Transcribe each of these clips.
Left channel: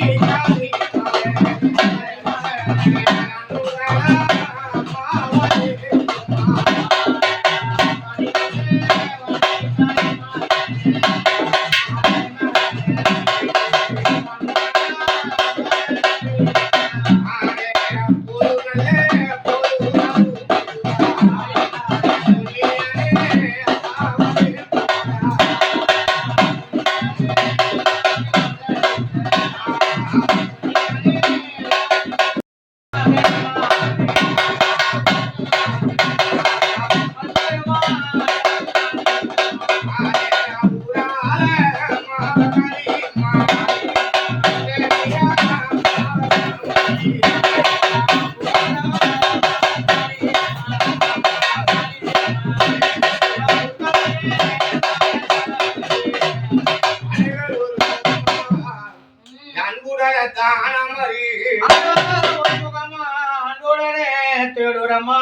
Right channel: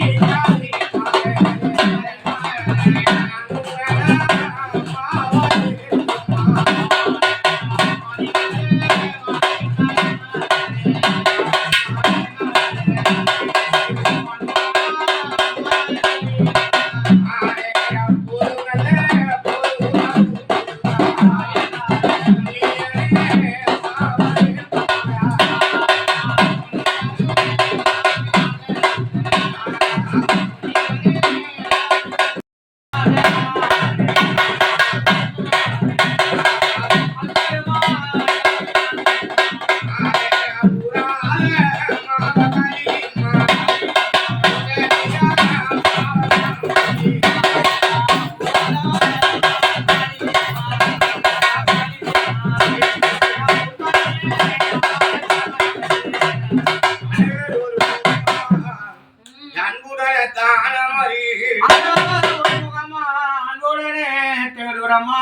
Thank you. తెలురమ్మా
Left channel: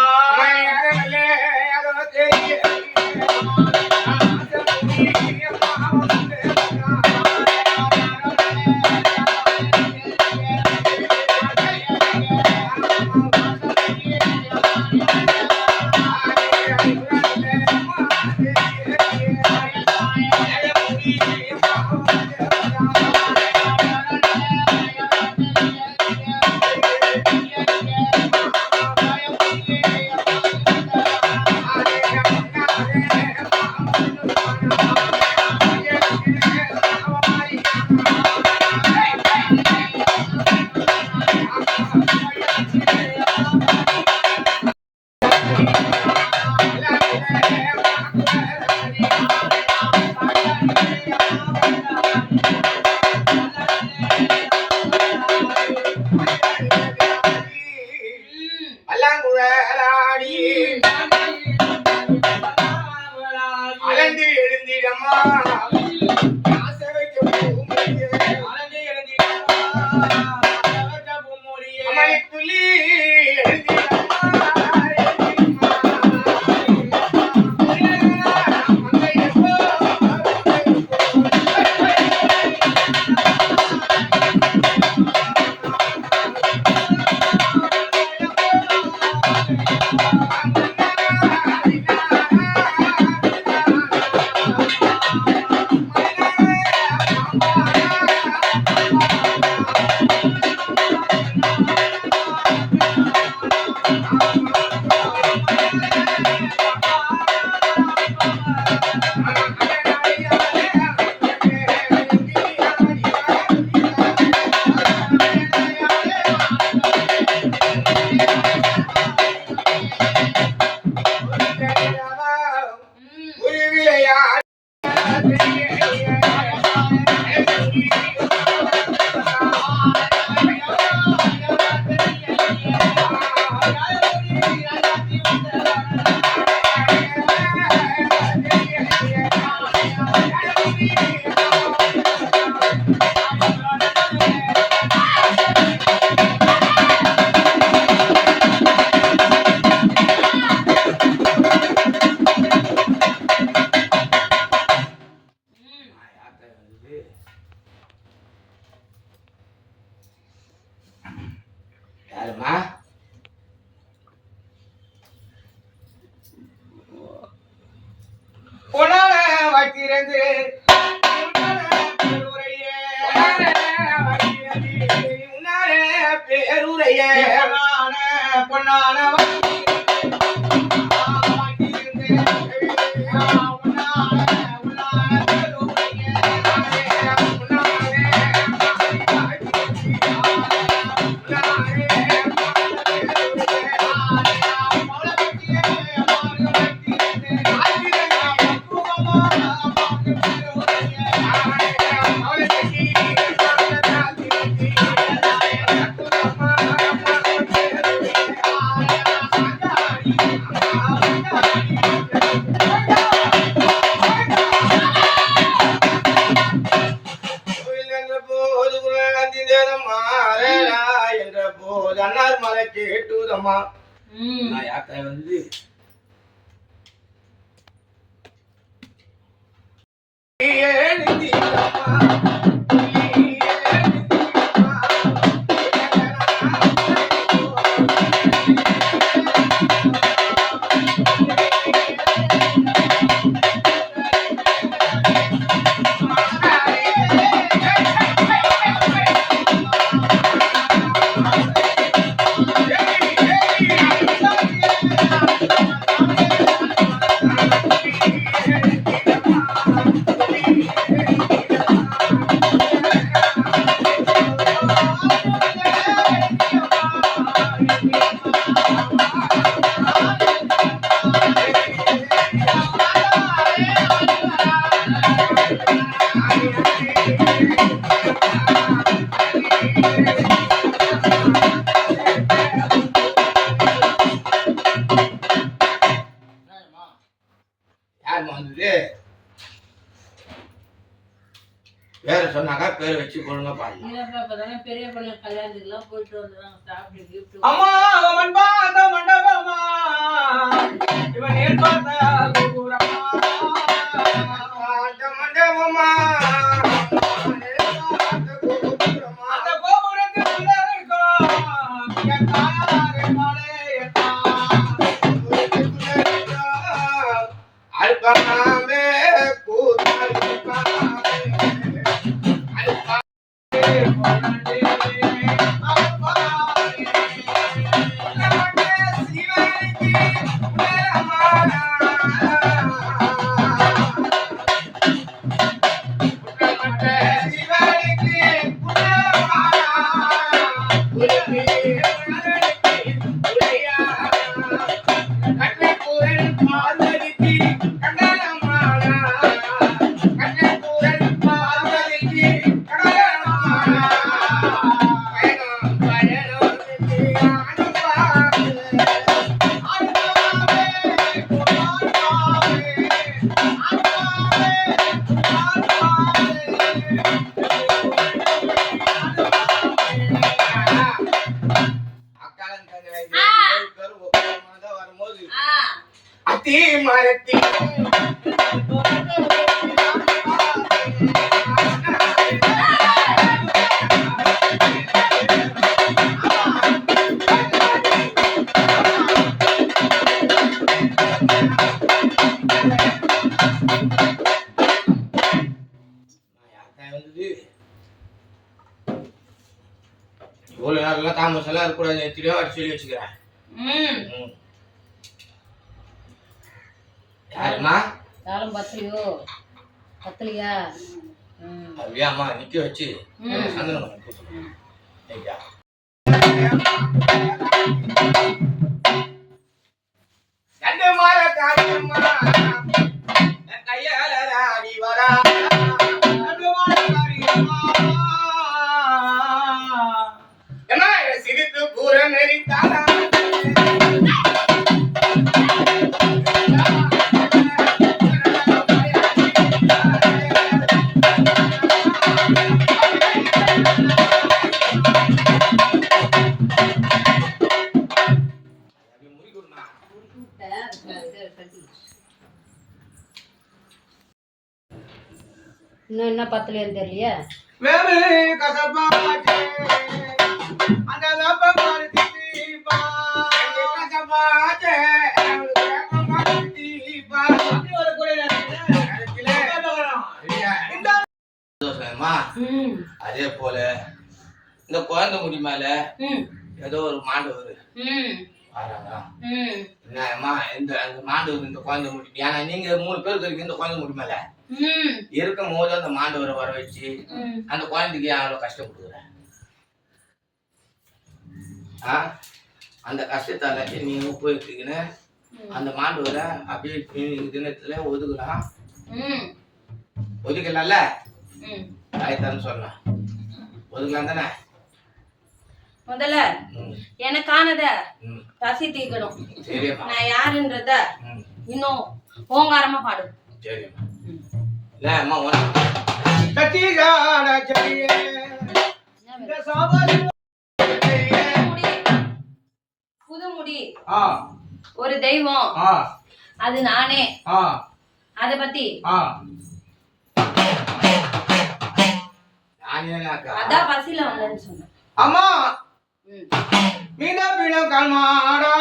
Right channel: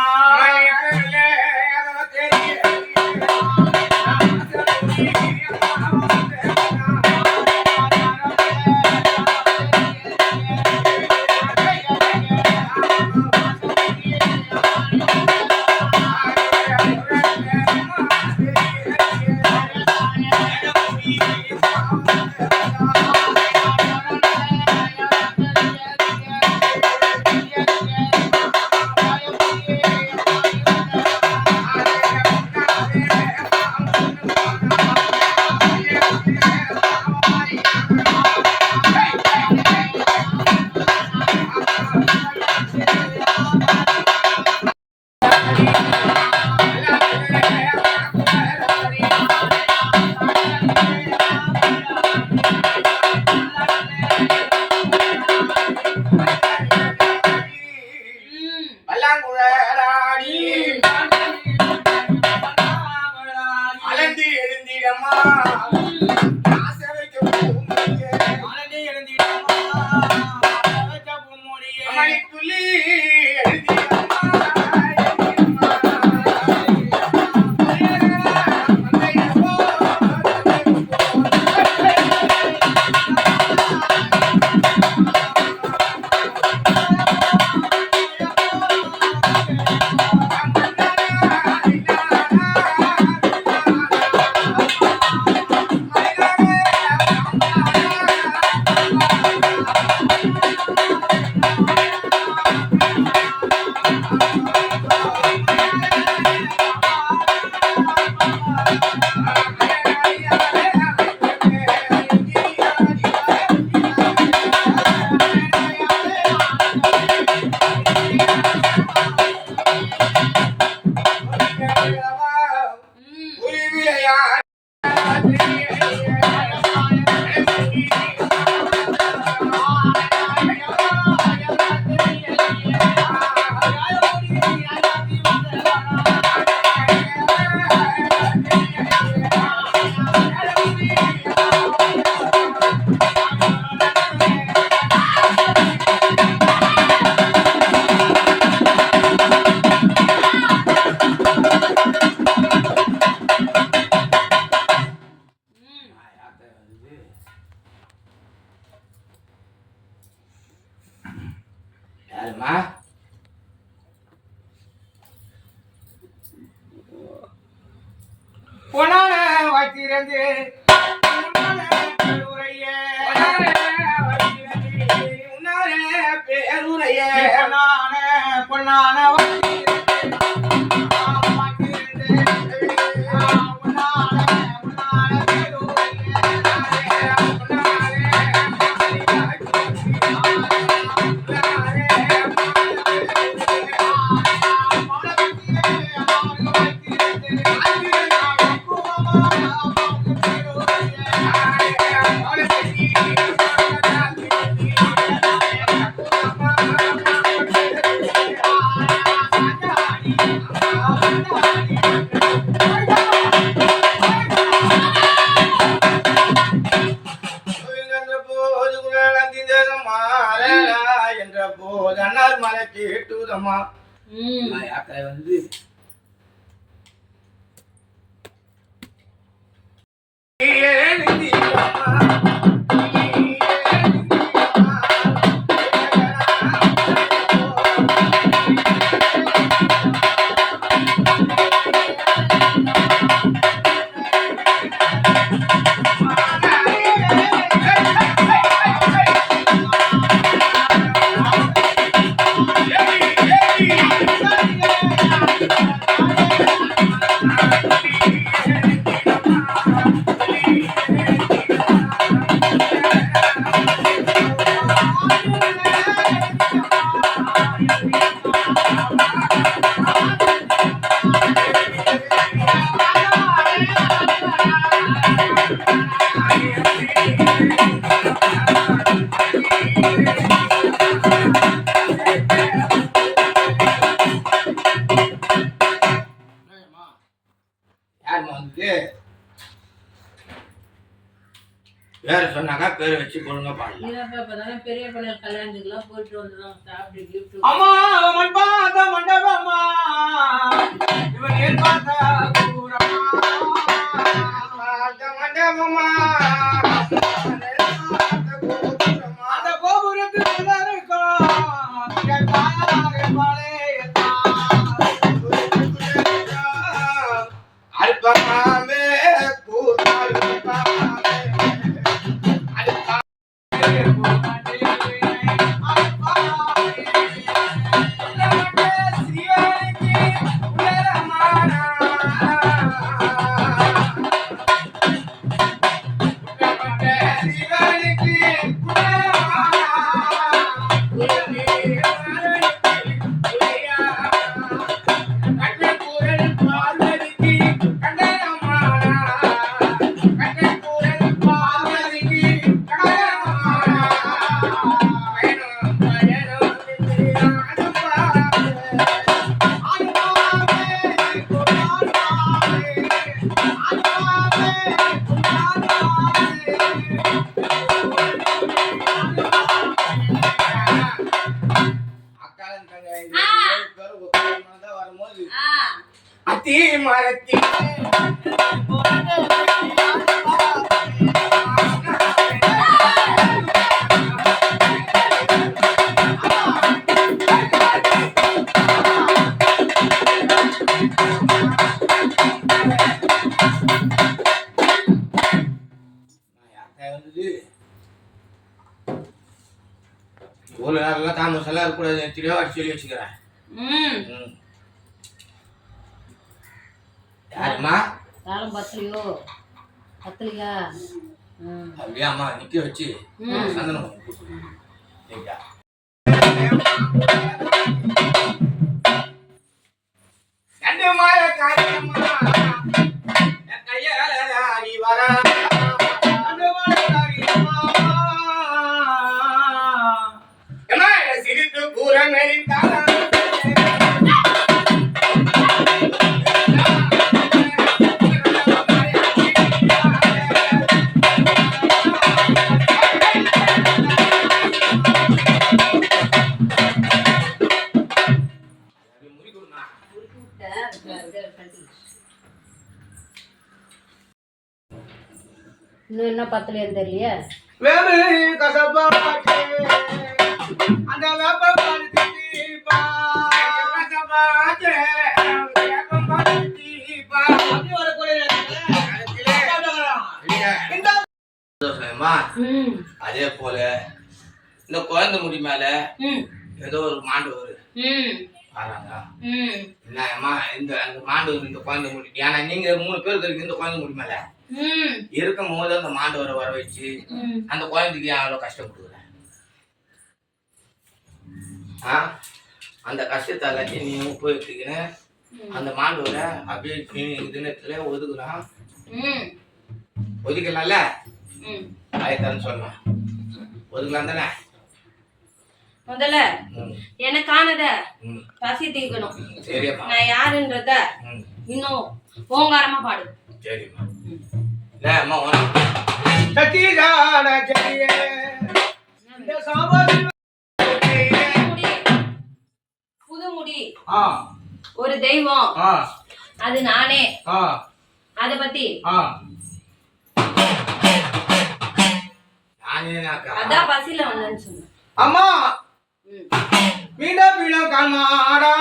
amar. யாருமா பொன்னான வைத்திருந்து பொன்னான பொன்னான வைத்திருந்து ம் நான் யாத்தாய் வந்து பிள்ளை கல்யாணத்துக்குலாம் போயிட்டு வந்துடும் சாப்பிட்டு gift அம்மா அவன் பார்த்த மண்டபமா இவன் ஏன் பார்த்த கோபுரமா எல்லாம் இருக்கக்கூடாது எத்தனையோ அடிச்சு சொல்லி வச்சுக்கிறேன் ம் ம். யாரும்மா காலம் பத்தலையோ பத்தலையா அப்படியே அம்மா நிக்க வச்சு. சந்தனம் பண்ணி கொடுத்து. ஐயா. இன்னும் என்ன பத்தலையான்னு தெரியலையே? வேமிலி கசப்பாச்சே, அந்த வேப்ப பருத்திப்பா. அதே போல இந்த குழந்தை முடி மேல ம். ஏதோ ஒரு மாண்டவர் ம். வராங்க ம். என்னம்மா இந்த அந்த மாண்டவர் இந்த குழந்தை முடி ஏன்னா நீங்க மூணு பேர் இருக்கீங்க இந்த குழந்தை முடி மேல ம். இருக்கும் போது அந்த மாண்டவரை வர வச்சு அந்த குழந்தைக்கு அவ்வளோ கஷ்டம் கொடுக்குற ஆ? அந்த கஷ்டத்தை எல்லாத்தையும் நீ உப்பு எடுத்துக்கின்னு அந்த மாண்டவரை அப்படியே தினத்துல ஒதுக்குறான் ம். ஒதுக்கலாம்ல? ஆயத்தான்னு சொல்லலாம். ஒதுக்கலாம் தானே? முதல்ல எனக்கானத பசி தீர்க்கணும். நான் யாருன்றத இன்னும் ஓங்காரமா பாடு. சரிம்மா. இல்லை அம்மா உனக்கு. சத்தீசான செடியே, இந்த சாபரி முடி. ஆ. ஒரு தெய்வம். ஆ. அது நானே. ஆ. அத பத்தி அதான் பசியில வந்தேன்னு சொன்னேன். அம்மா! மீண்டும் மீண்டும் கண்மாடா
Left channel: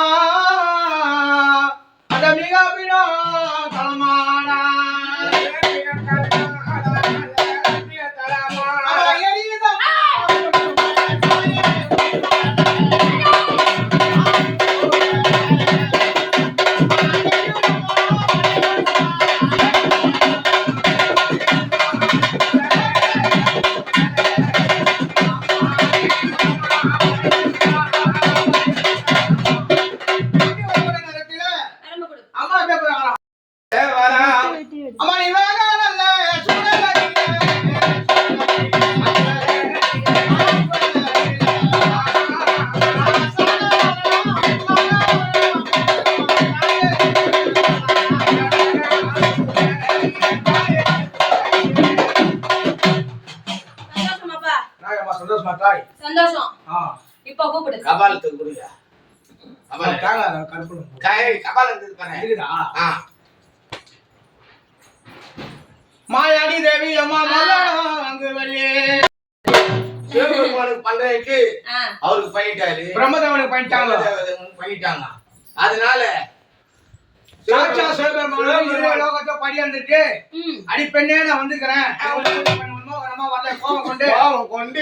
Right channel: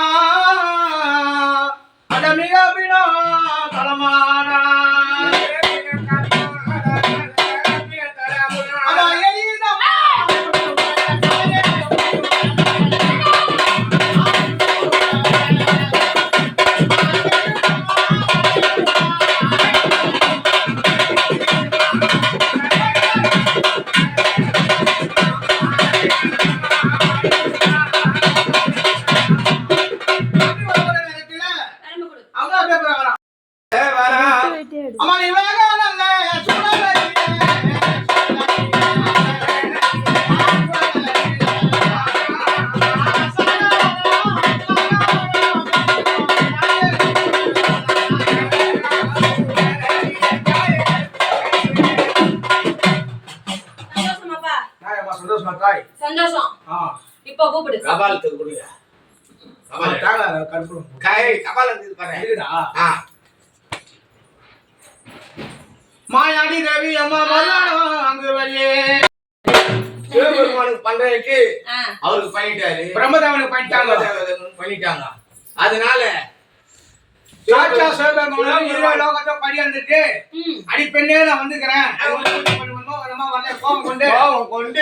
இப்போ கூப்பிடு கபாலத்துக்கு கொடுங்க. மாயாடி தேவி அம்மா மல்லாடம் அங்கு வள்ளி சிவபெருமானுக்கு பண்றதுக்கு அவருக்கு பண்ணிட்டாரு. பிரம்மதேவனுக்கு பண்ணிட்டாங்க. பண்ணிட்டாங்க. அதனால சாட்சா சிவபெருமானும் இருபது லோகத்தை படியாந்துட்டு அடிப்பெண்ணே நான் வந்துக்கிறேன் வரல கோபம் கொண்டு. கோபம் கொண்டு.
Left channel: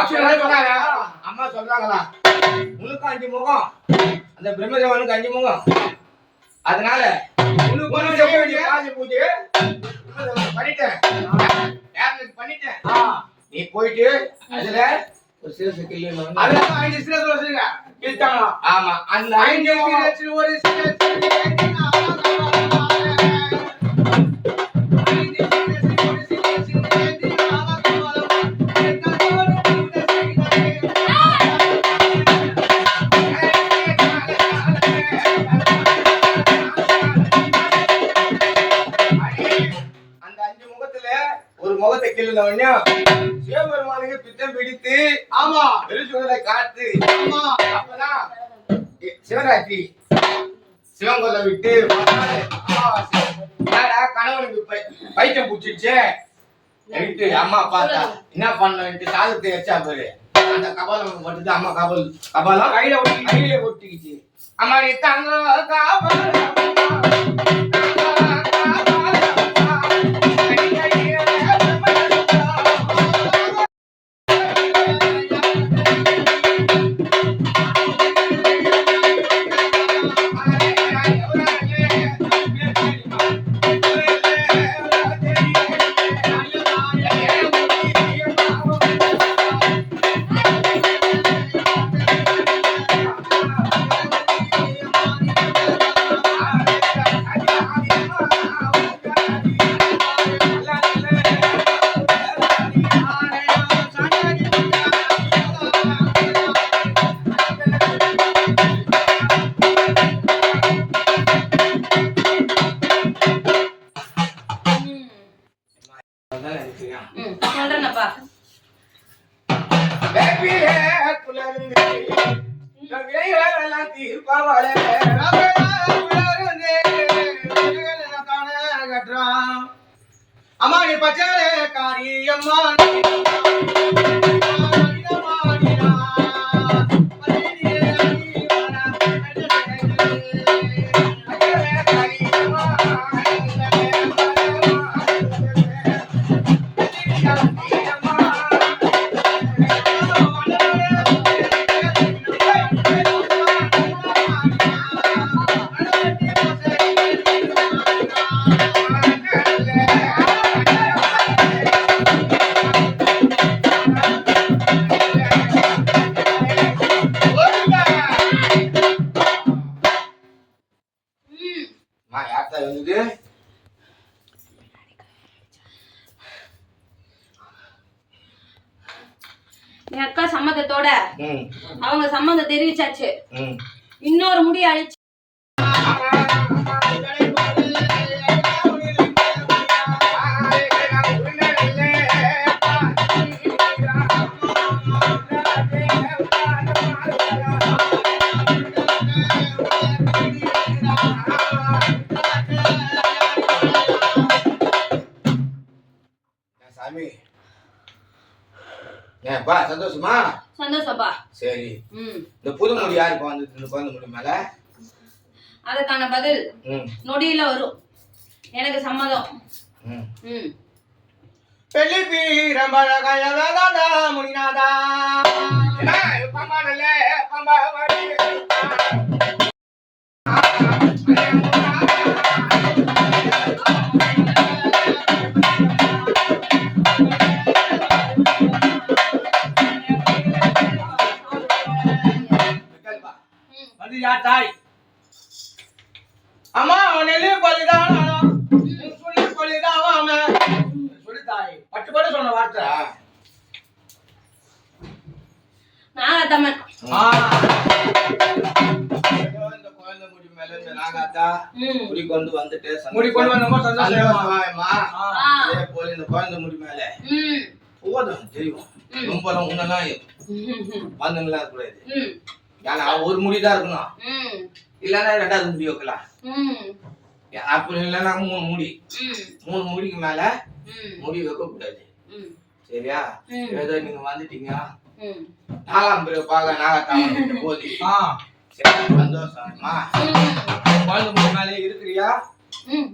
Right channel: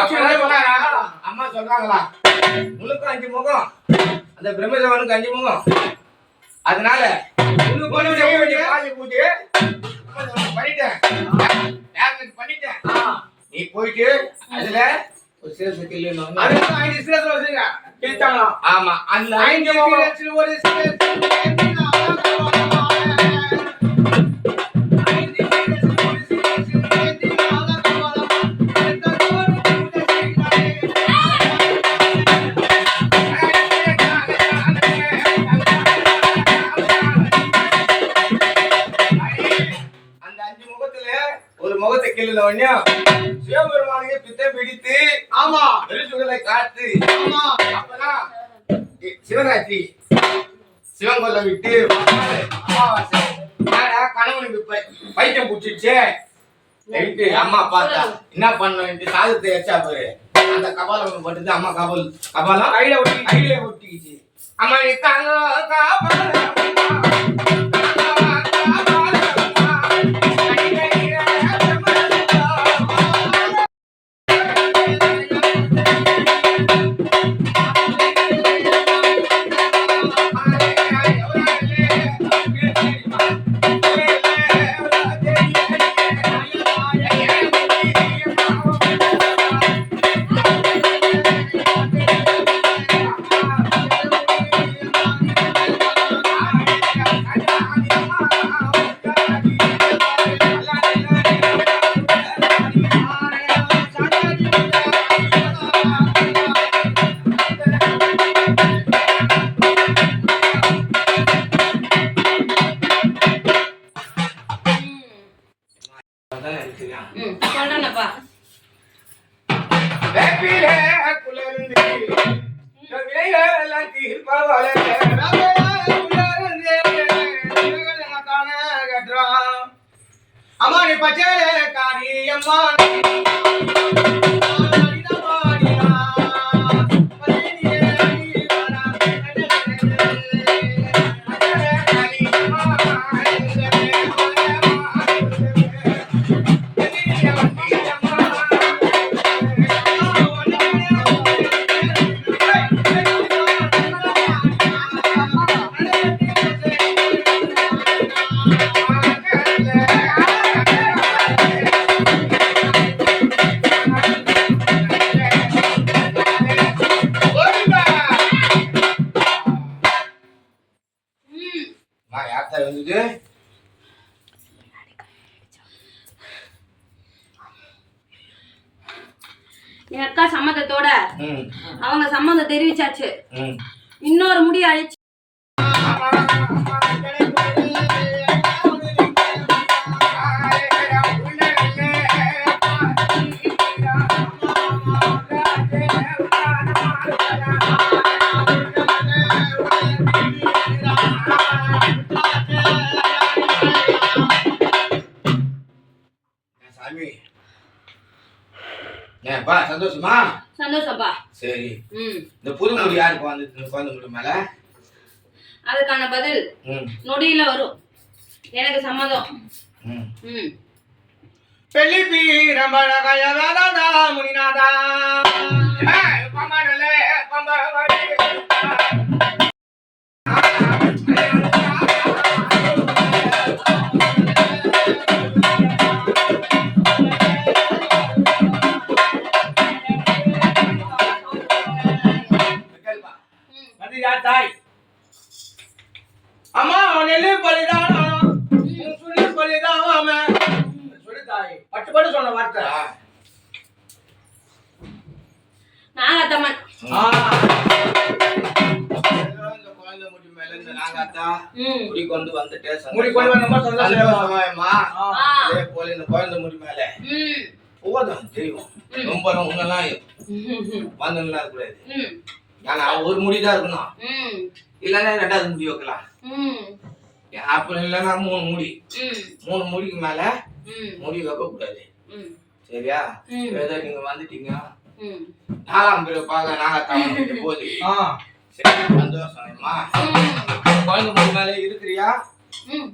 அம்மா சொல்றாங்களா? உனக்கு அஞ்சு முகம். அந்த பிரம்மதேவனுக்கு அஞ்சு முகம். அதனால பண்ணிட்டேன். பண்ணிட்டேன்? நீ போயிட்டு அதுல ஒரு சிறப்பு கில்லு ஐந்து சிரத்துல வச்சுங்க கிழித்தாங்களாம் ஆமா. அந்த ஐந்து ஒரு சிரத்தில் ஆமா. வெளிச்சுடலை காத்து. ஆமா. அப்பதான் சிவராத்திரி. சிவன் கொல்ல விட்டு அமாவாசை. கணவனுக்கு பை- பைத்தியம் பிடிச்சிருச்சு. எடுத்து அம்மா பார்த்தா என்ன பண்ணுன்ட்டு சாதத்தை வச்சா பாரு. அந்த கபாலம் பட்டுது அம்மா கபால் கபாலம் கையில ஒட்டி கையிலே ஒட்டிக்கிச்சு. அம்மா தாங்க கபாலம் ம் சொல்றேனப்பா குளர்ந்து வேலையெல்லாம் தீர்ப்பவளே. அம்மா நீ பச்சையே காரி அம்மா அவங்க சம்மந்தம் தெரிவிச்சாச்சு. இன்னொரு முடி அழிச்சு சாமி? ஏன்பா சந்தோஷமா? சந்தோஷப்பா. சரி. ம். இந்த புது முடி யாருக்கு வந்து இந்த குழந்தை முடி மேல? அதுக்கான பதில் ம். நொடியில வரும். எனக்கு சம்மதம். ம். ம். பெள்ளி பீரம்பழகய வேதாதா முனிநாதா பம்பாடல, பம்பாடல. யார் தாய். அம்மா அவன் நெல்லு பலிதானா சொல்லி பலிதாவாம சொல்லி தாய். பட்டு பட்டு சொன்ன வார்த்தை. நாகத்தம்மன் முடி கொண்டு வந்துட்டே. முடி கொண்டு வந்தோமா சந்தோஷமா இதே போல இந்த குழந்தை முடி மேல போதும் தெரியும். ரொம்ப உன்னெல்லாம் ம் வந்துங்களா இருக்கக்கூடாது. ம். ஏன்னா ஒரு முடிதான் இருக்கணும். ம். இல்லைன்னா ரெண்டாவது முடி வைக்கலாம். ம். அப்படி இல்லைன்னா மூணு முடி. மூணு முடிக்கு மேல முடி வைக்க கூடாது சரியா. ஏதோ நீங்க வந்துட்டீங்க. நாலாம் பேர் பார்க்க நாகத்தான். சரி சந்தோஷமா குழந்தை முடி மேல இருக்கிறியா?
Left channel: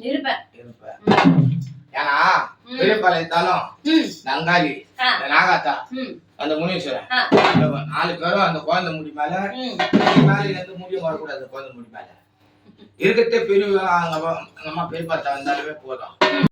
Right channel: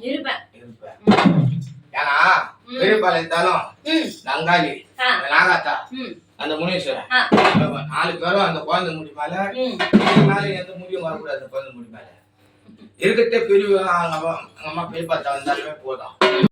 இருப்பேன். இருப்ப ம். ஏன்னா ம். பெரியபாளையத்தாலும் ம். நங்காளி நாகாத்தா. அந்த முனீஸ்வரன் நாலு பேரும் அந்த குழந்தை முடி மேல மேல எந்த முடியும் வரக்கூடாது அந்த குழந்தை முடி மேல. இருக்கிறதே பெரிய அங்க அம்மா பெரியப்பா வந்தாலுமே போதும்.